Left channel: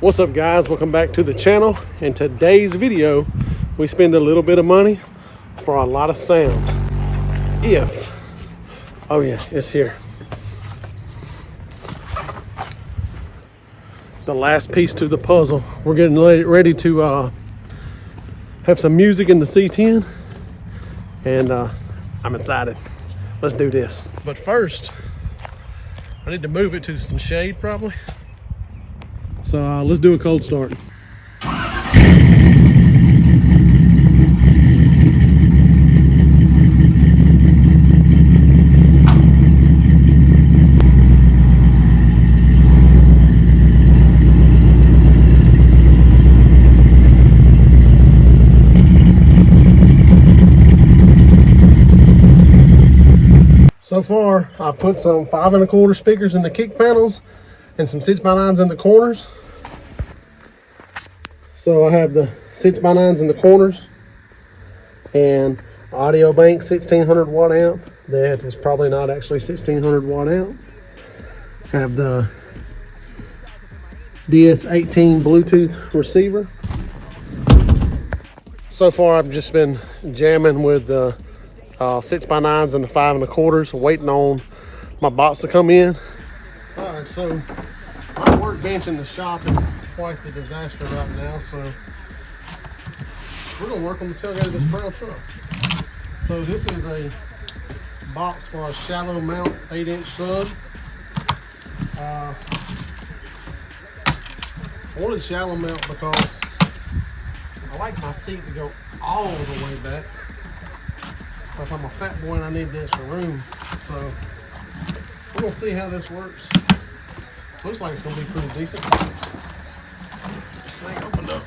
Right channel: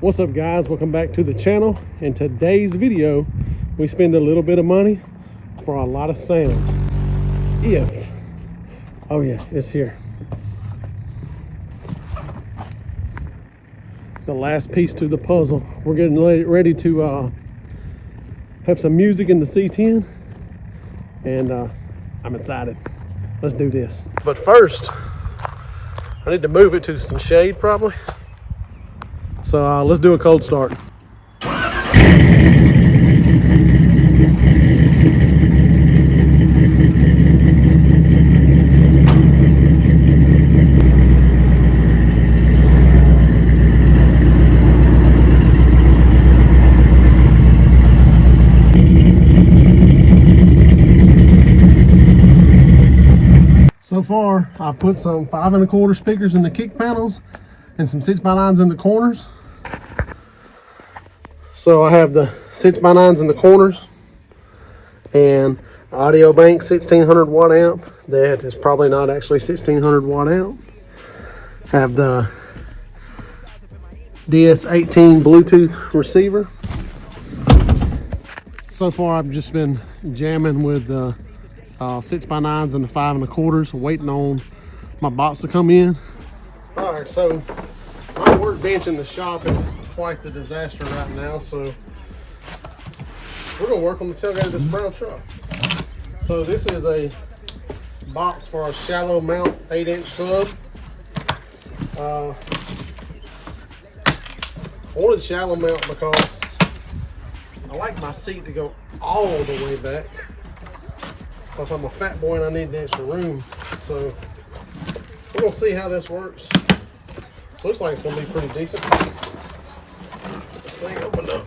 What's up guys, welcome back to the channel. In today's video we spend a little bit of money for a lot of sound. Oh yeah, it's here, the last piece to the puzzle. We're getting ready to have some music in the C10 and I'm excited. Let's do this. But first I need to move it to some shade probably. So let's do a cold start. So far, I've put some 5 1/4 speakers in the kick panels and some 6x9s in the corners. So I have the 6x9s in the corners and Audio Bank 1600 watt amp. That is probably not actually 1600 watt amp. Have the DS18 Bluetooth receiver. So far I've just been jamming with the 6x9s and the 5 1/4s, waiting on my box to come in. All right, so my workbench in the shop is quite the disaster right now, so we're gonna work on the tailgate of this brown truck. So this is a box for a shallow mount 8-inch sub. I wanted shallow mount because I like my seat to go all the way back. Because I'm a fat boy and I need the extra room. So we're gonna see how this works. Looks like it's gonna be pretty decent. This thing opened up.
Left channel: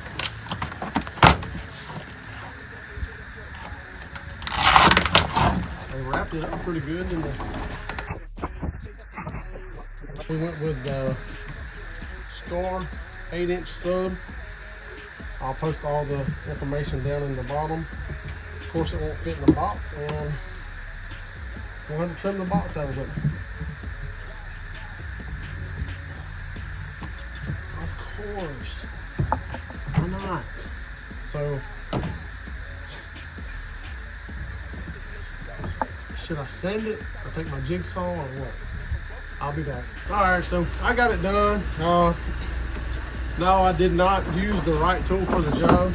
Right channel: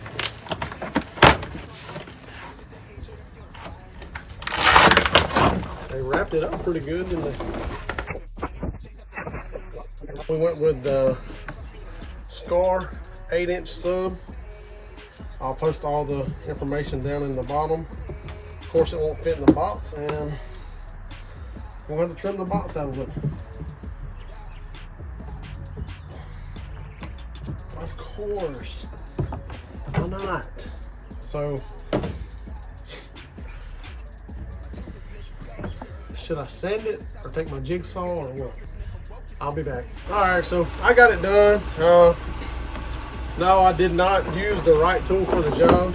They wrapped it up pretty good. We went with the Scar 8-inch sub. I'll post all the information down in the bottom. Of course, it won't fit in the box, and we'll have to trim the box out of it. Of course. Why not? So, should I sand it or take my jigsaw or what? I'll be back. Alright, so I got it done. No, I did not use the right tool for the job.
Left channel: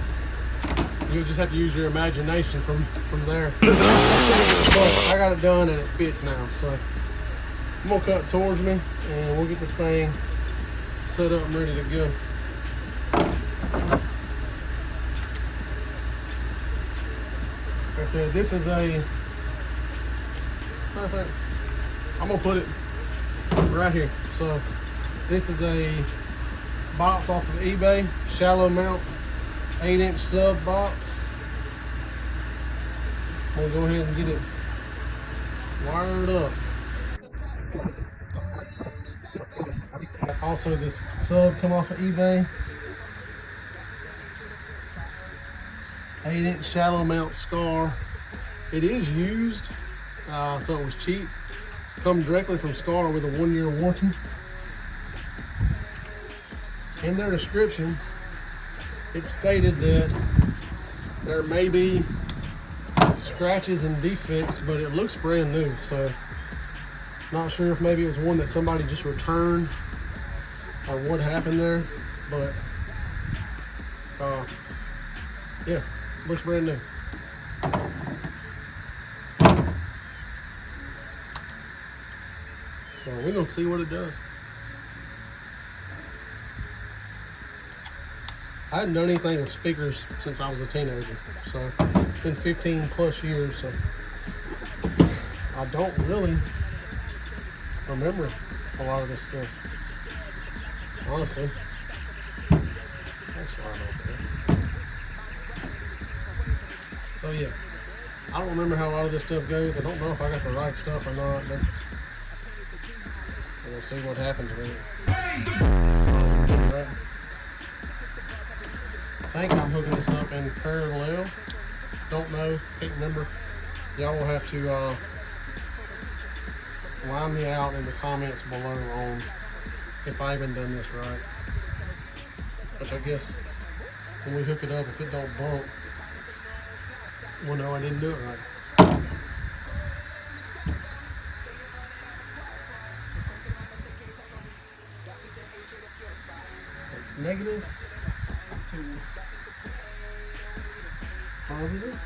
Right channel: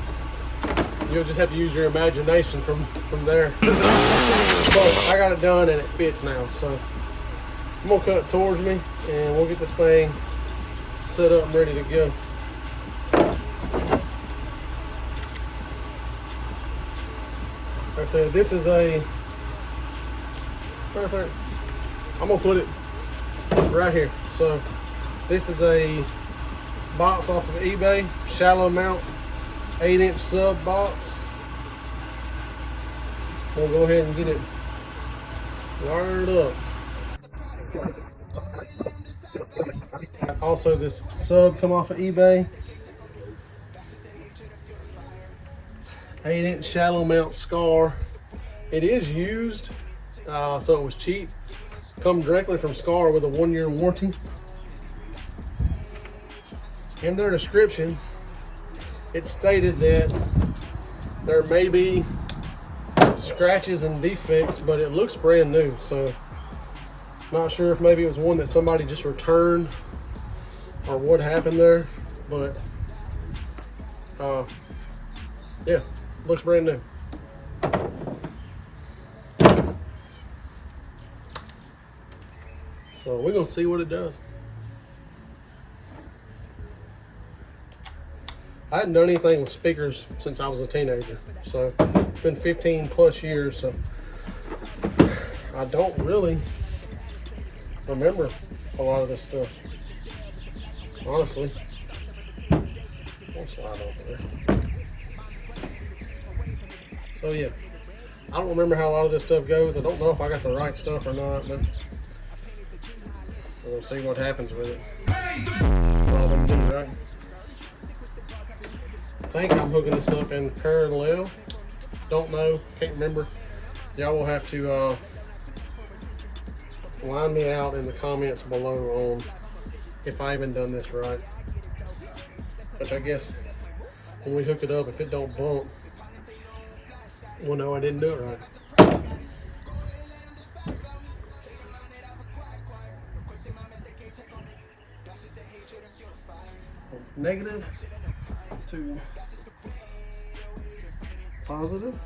You'll just have to use your imagination from there. So I got it done and it fits now. So I'm gonna cut towards me and we'll get this thing set up and ready to go. Like I said, this is I'm gonna put it right here. So this is a box off of eBay, shallow mount 8-inch sub box. We'll go ahead and get it wired up. Also, this sub come off of eBay. 8-inch shallow mount Scar. It is used, so it was cheap. Come directly from Scar with a 1-year warranty. In their description, it stated that there may be scratches and defects, but it looks brand new. So not sure if maybe it was one that somebody just returned or what happened there, but yeah, looks brand new. So we're gonna see what it does. I hadn't done anything with speakers since I was a teenager, so it's been 15 plus years, so I don't really remember a lot of this stuff, honestly. So yeah, I don't remember how a lot of this stuff goes. I don't know if I got the right stuff or not, but we'll see what happens with it. I think I'm hooking this up in parallel. Don't know, can't remember. Y'all will have to line me out in the comments below on if I even done this right. which I guess when we hook it up, if it don't bump, we'll know I didn't do it right. Negative to positive.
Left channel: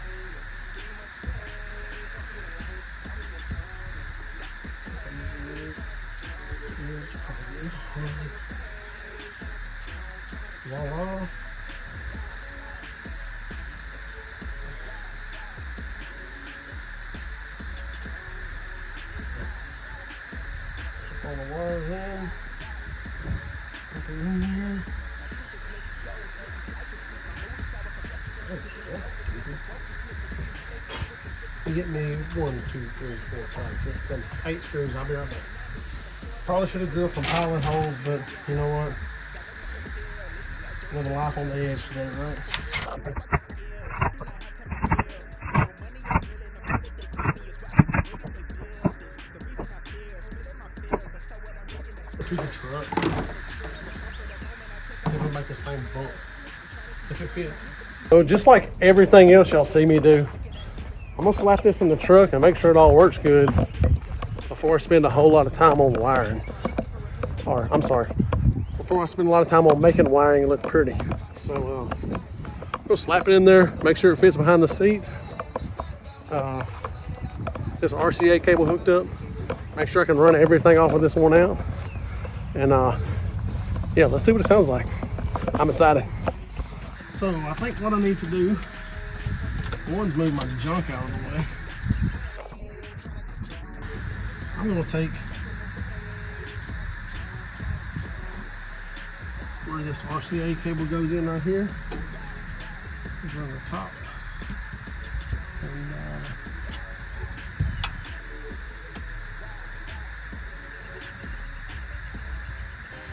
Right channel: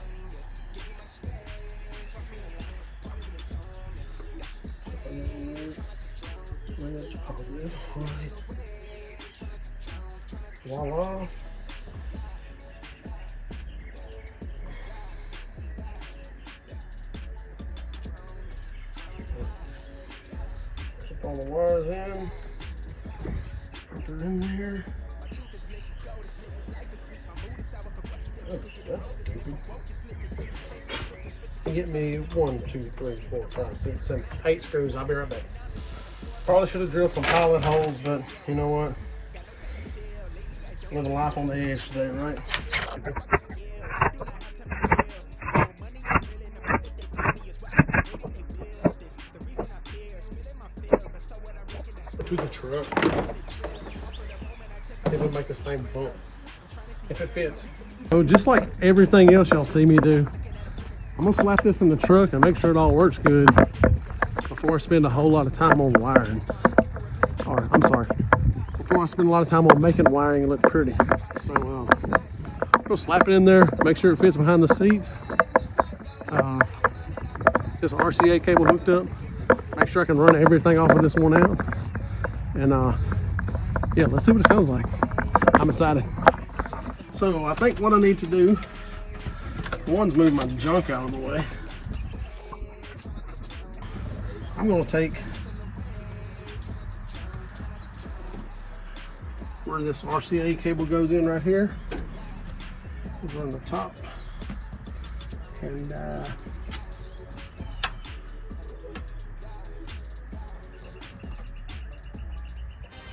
Voila. Put all the wires in. Put it in there. Get me 1, 2, 3, 4, 5, 6, 7, 8 screws. I'll be right back. Probably should have drilled some pilot holes, but you know what? Living life on the edge today, right? To the truck. It would make the same bolt if it fits. So just like everything else y'all see me do, I'm gonna slap this in the truck and make sure it all works good before I spend a whole lot of time on wiring. Or, I'm sorry, before I spend a lot of time on making the wiring look pretty. So, go slap it in there, make sure it fits behind the seat. This RCA cable hooked up. Make sure I can run everything off of this one out. And, yeah, let's see what it sounds like. I'm excited. So, I think what I need to do, one's move my junk out of the way. I'm gonna take where this RCA cable goes in right here. It's on the top. And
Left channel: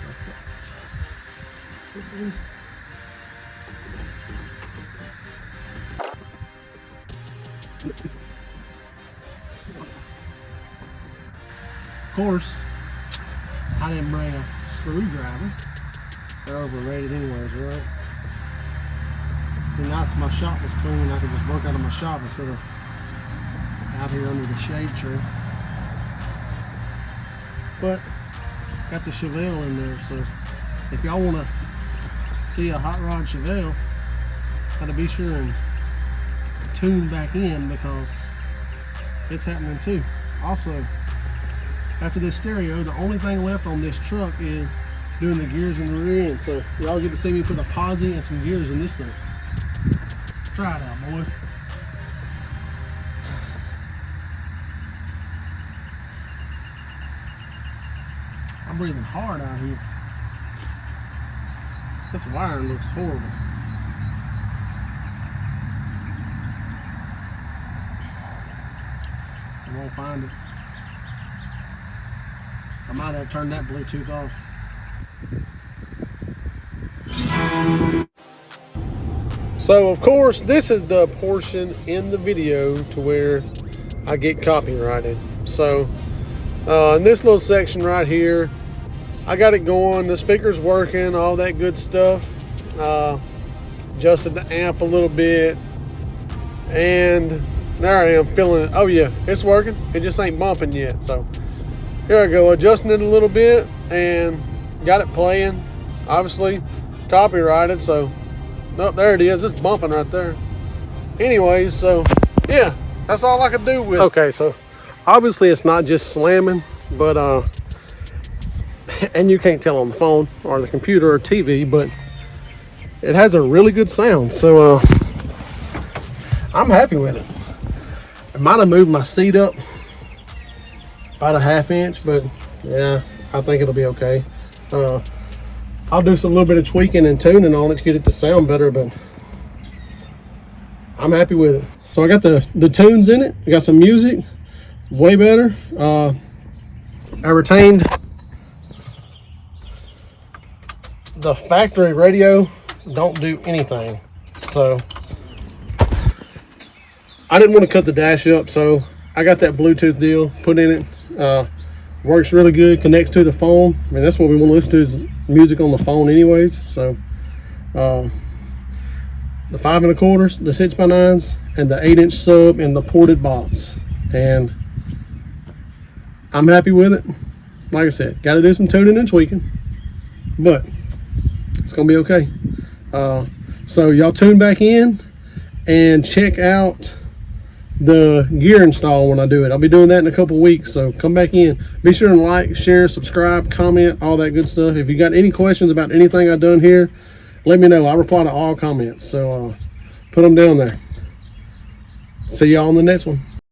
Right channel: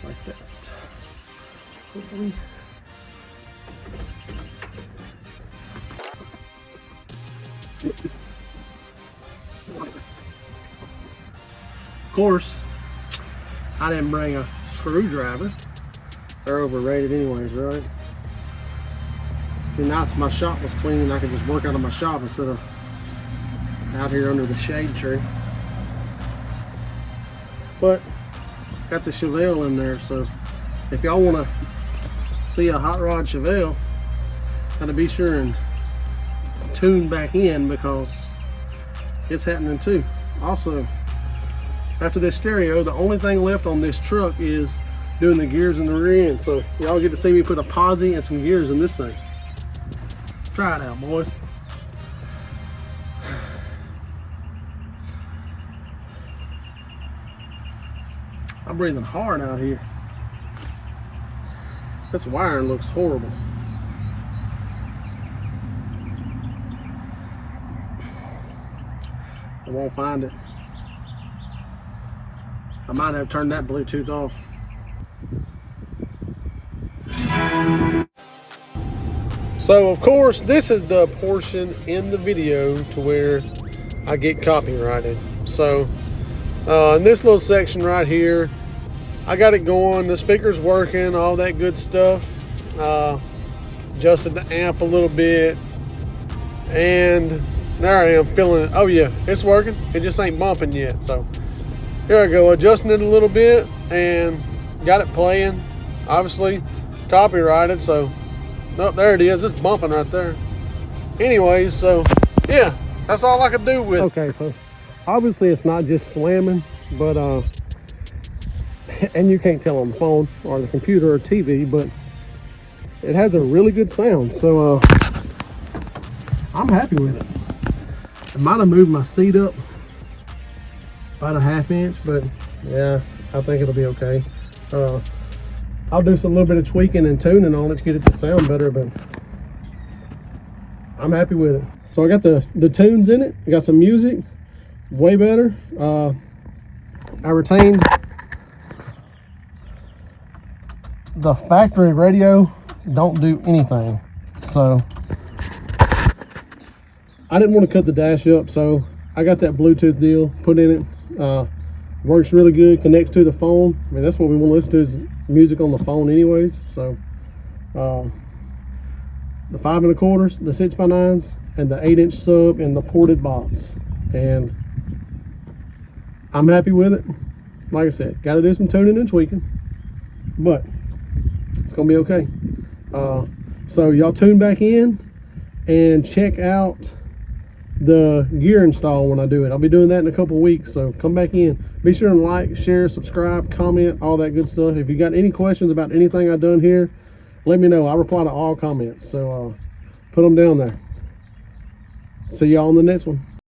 like that. Hopefully. Of course, I didn't bring a screwdriver. They're overrated anyways, right? It'd be nice if my shop was clean and I could just work out of my shop instead of out here under the shade tree. But got the Chevelle in there, so if y'all want to see a hot rod Chevelle, gotta be sure and tune back in because it's happening too. Also, after this stereo, the only thing left on this truck is doing the gears in the rear end. So y'all get to see me put a posi and some gears in this thing. Try it out, boys. I'm breathing hard out here. This wiring looks horrible. I won't find it. I might have turned that Bluetooth off. So of course, this is the portion in the video to where I get copyrighted. So in this little section right here, I got it going, the speaker's working, all that good stuff. Adjusted the amp a little bit, and there I am feeling it. Oh yeah, it's working. It just ain't bumping yet. So here I go, adjusting it a little bit and got it playing. Obviously copyrighted, so nope, there it is. It's bumping right there. Anyways, so yeah, that's all I could do with it. Okay, so obviously it's not just slamming, but and you can't tell on the phone or the computer or TV, but it has a really good sound. So I'm happy with it. I might have moved my seat up about a ½ inch, but yeah, I think it'll be okay. I'll do some little bit of tweaking and tuning on it to get it to sound better, but I'm happy with it. So I got the tunes in it. I got some music, way better. I retained the factory radio, don't do anything. So I didn't want to cut the dash up, so I got that Bluetooth deal put in it. Works really good, connects to the phone. I mean, that's what we want to listen to is music on the phone anyways. So the 5 1/4s, the 6x9s, and the 8-inch sub and the ported box. And I'm happy with it. Like I said, got to do some tuning and tweaking, but it's gonna be okay. So y'all tune back in and check out the gear install when I do it. I'll be doing that in a couple weeks, so come back in. Be sure and like, share, subscribe, comment, all that good stuff. If you got any questions about anything I've done here, let me know. I reply to all comments, so put them down there. See y'all on the next one.